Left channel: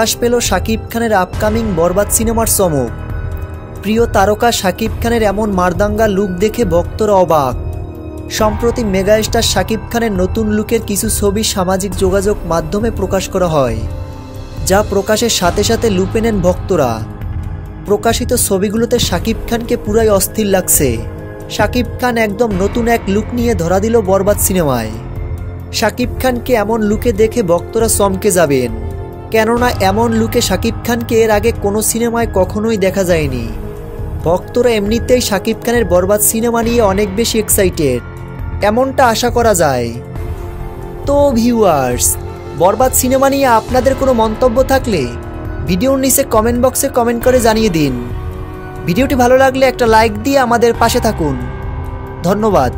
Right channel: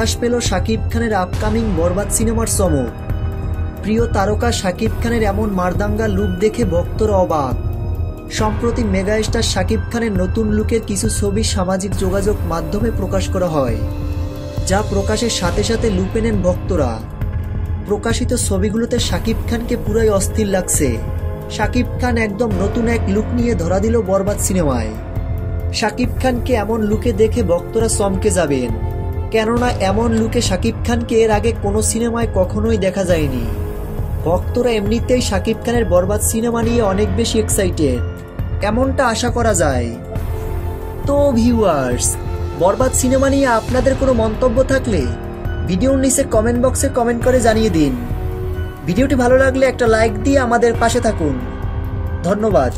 প্রকাশ পেল শাকিব খানের আপকামিং বরবাদ সিনেমার চমক। প্রিয় তারকা শাকিব খানের এমন মারদাঙ্গা লুক দেখে ভক্তরা অবাক। সম্প্রতি মেগাস্টার শাকিব খানের নতুন লুকের কিছু ছবি সামাজিক যোগাযোগ মাধ্যমে প্রকাশ করা হয়, যা প্রকাশের সাথে সাথে লুপে নেন ভক্তরা। প্রকাশিত ছবিগুলোতে শাকিব খানকে পুরাই অস্থির লাগছে। শাকিব খান একদম নতুন এক লুক নিয়ে ধরা দিল বরবাদ সিনেমায়। শাকিব খানকে এমন লুকে দেখে ভক্তরা চমকে যাবেন, কেননা এমন লুকে শাকিব খানকে এর আগে কোনো সিনেমায় কখনোই দেখা যায়নি। ভক্তরা এমনিতেই শাকিব খানের বরবাদ সিনেমা নিয়ে অনেক বেশি এক্সাইটেড, এমনটা আশা করা যায়। তো ভিউয়ার্স, বরবাদ সিনেমা নিয়ে আপনাদের কোনো মন্তব্য থাকলে ভিডিওর নিচে কমেন্ট বক্সে কমেন্ট করে জানিয়ে দিন। ভিডিওটি ভালো লাগলে একটা লাইক দিয়ে আমাদের পাশে থাকুন। ধন্যবাদ।